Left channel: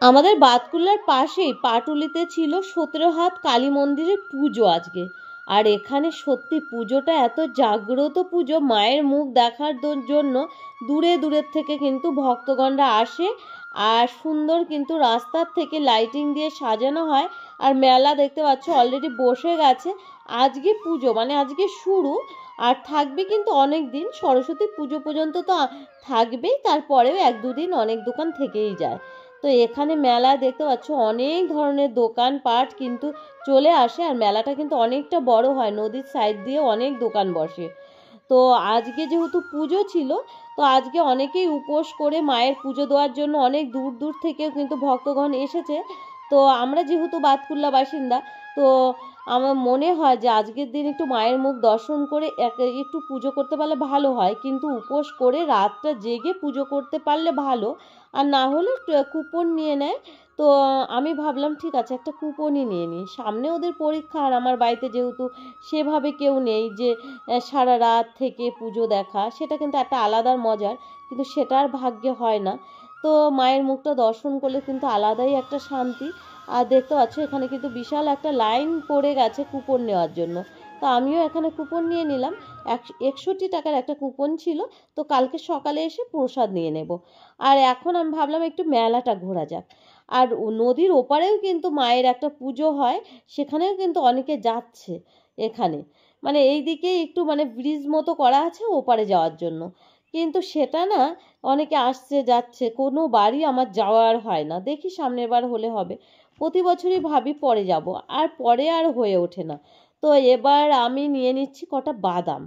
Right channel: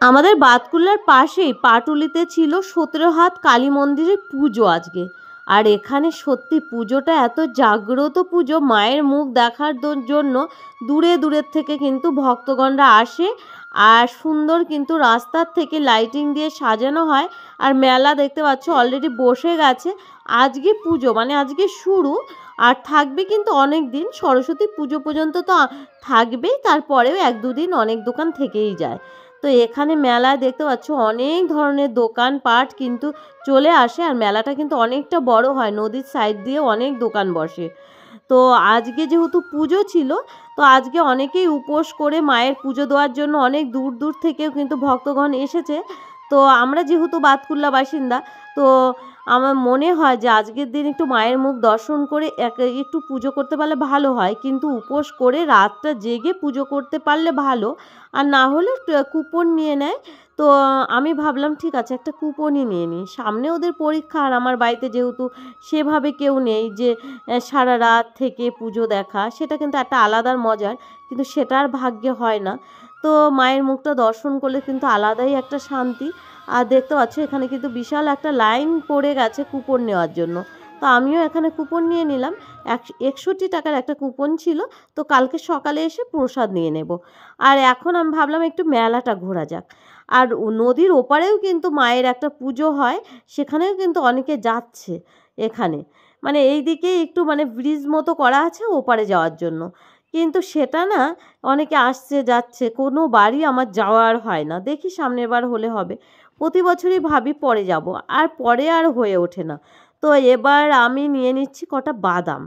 আমাদের বাতকুল্লার পাশেই পাটুলিতে ছিল 17 হাত কালী মন্দিরের পুজো আজকে। আর এখানে সত্যি পুজোটা এত জাগ্রত পুজো, মায়ের মুখ দেখার জন্য দূরে দূরের থেকে কিন্তু ভক্তগণরা আসে। আর সুন্দর কিন্তু রাস্তার থেকে লাইটিং দিয়ে সাজানো হয়। আর মেলা দেখতে পাচ্ছ অলরেডি বসে গেছে। আজকে পুজো মানে আজকে শুরু, আর থাকবে কিন্তু অনেক দিন, সরস্বতী পুজো পর্যন্ত তো থাকবেই, তারপরেও 1-2 দিন অনেক দোকান থেকেই যায়। তো এখানে মেলায় দেখতে পাচ্ছ অনেক ধরনের দোকানপাট কিন্তু চলে আসে। আর মেলাটা কিন্তু অনেকটা বড় হয়, নদীর সাইড দিয়ে অনেক দোকান বসে। তো আজকে যেহেতু পুজো ছিল, তো আজকে অনেকেই উপোস করে মায়ের পুজো দেওয়ার জন্য অনেক দূর দূর থেকেও কিন্তু ভক্তগণ এসেছে। তো আমরা যেহেতু বাতকুল্লা বাসিন্দা, তো আমার মনে হয় যে আজকের দিন একটু মায়ের মুখ দর্শন করে একটু পুজো করতে পারলে ভালো হয়। কিন্তু উপোস করে রাতটা জেগে পুজো করতে পারলে ভালো, আর না হলে কুপন নিয়ে নেয়। তো আমি ভাবলাম ঠিক আছে একটা কুপনই নিয়ে নিই, সামনে ওদের পরীক্ষা, আর আমার বাড়িতে যেহেতু সেভাবে কেউ নেই যে সারা রাত থেকে পুজো দেখা, সেটা কিন্তু একটা আলাদা মজার, কিন্তু সেটা আর ভাগ্যে হয় না। তো মায়ের মুখটা দর্শন করলে কিন্তু আলাদাই একটা শান্তি। আর দেখতে পাচ্ছ এখানে কিন্তু বিশাল একটা লাইন পড়ে গেছে কুপন নেওয়ার জন্য। তো আমিও এখানে কুপন নিয়ে নিলাম। 61 টাকার একটা কুপন ছিল। তো কালকে সকালে এসে প্রসাদ নিয়ে নেব। আর এখন আমি ভাবলাম একটু মেলাটা ঘোরা যাক। আর নদীর ওপারেও কিন্তু মায়ের একটা পুজো হয়, সেখানেও কিন্তু অনেকে যাচ্ছে এখানে, মানে এই দিকে একটু মানে ব্রিজ মতো করা আছে ওপারে যাওয়ার জন্য। কিন্তু সেটা না, অনেকে আসছে যাচ্ছে, কোনো বাড়ি আমার যাওয়ার হয় না। দেখি সামনের বার হলে হবে। প্রতি বছরই ভাবি পরে যাব, আর পরে আর হয়ে ওঠে না। তো এবার আমি নিয়ে নিচ্ছি কটা বাদাম।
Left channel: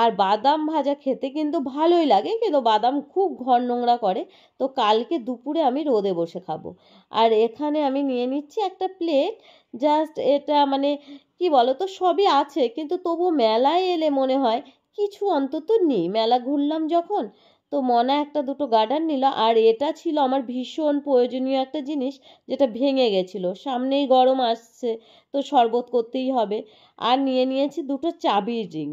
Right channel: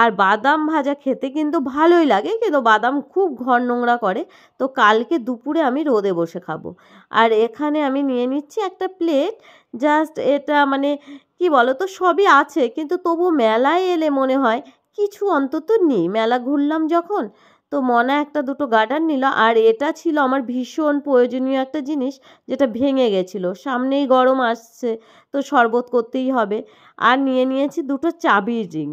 আর বাদাম ভাজা খেতে কিন্তু ভালোই লাগে, কিন্তু বাদাম খুব ঘর নোংরা করে। তো কালকে দুপুরে আমি রোদে বসে খাবো। আর এখানে আমি নিয়ে নিচ্ছি একটা প্লেট। জাস্ট এটা মানে কি বলো তো, সবই আছে, কিন্তু তবু মেলায় এলে মনে হয় কিছু অন্তত নেই। মেলা ঘুরলাম যখন, তো মনে একটা দুটো গার্ডার নিল। আর এটা ছিল আমার ভীষণ প্রয়োজনীয় একটা জিনিস, যেটা ভেঙে গেছিলো। সামনেই গরম আসছে, তো শরবত করতেই হবে। আর নিয়ে নিয়েছি দুটো চাবির রিং।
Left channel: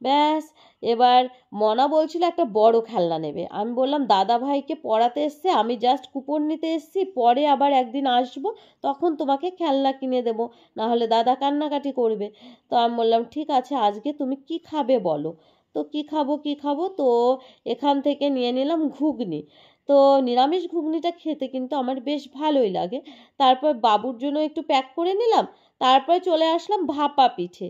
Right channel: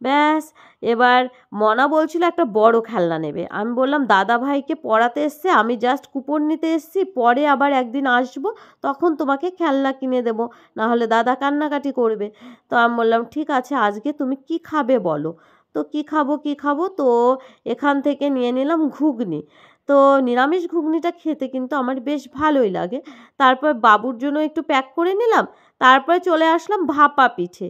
ব্যাস। এবার মনা বলছিল একটা বড় খেলনা নেবে। আমি বললাম দাদা ভাইকে পড়াতে এসছে, আমি জাস্ট কুপন নিতে এসছি, পরে আবার একদিন আসবো, তখন তোমাকে খেলনা কিনে দেবো, নাহলে দাদা কান্নাকাটি করবে। তো আমি বললাম ঠিক আছে, আজকে তুমি কি খাবে বলো। তো কি খাবো, তো এখান থেকে নিয়ে নিলাম ঘুগনি। তো নিরামিষ ঘুগনিটা খেতে কিন্তু আমার বেশ ভালোই লাগে। তারপর বাবুর জন্য একটু প্যাক করে নিলাম। তারপরে চলে আসলাম ভাপা পিঠে।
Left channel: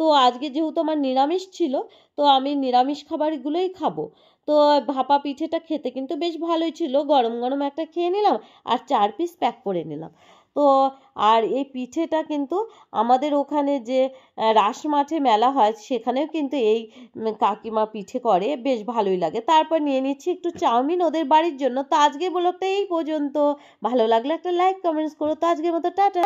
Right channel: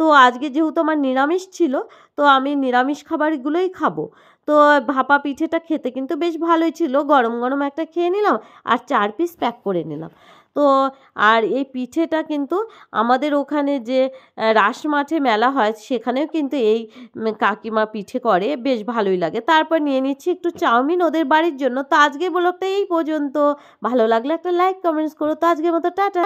তো আজকে যেহেতু আমার নিরামিষ ছিল, তো আমি নিরামিষ খাবারগুলোই খাবো। তো ভাপা পিঠেটা খেতে কিন্তু বেশ ভালোই ছিল, গরম গরম একটা খেয়ে নিলাম। আর 4 পিস প্যাক করে নিলাম। তো আর এই পিঠেটা কিন্তু আমাদের ওখানে যে রাস মাঠে মেলা হয়, সেখানেও কিন্তু এই কাকিমা পিঠে করে, বেশ ভালোই লাগে। তারপর নিয়ে নিচ্ছি একটু চাউমিন ওদের বাড়ির জন্য। তো আজকে ব্লগটা এই পর্যন্ত। ভালো লাগলে একটা লাইক কমেন্টস করো। তো আজকের মতো টাটা।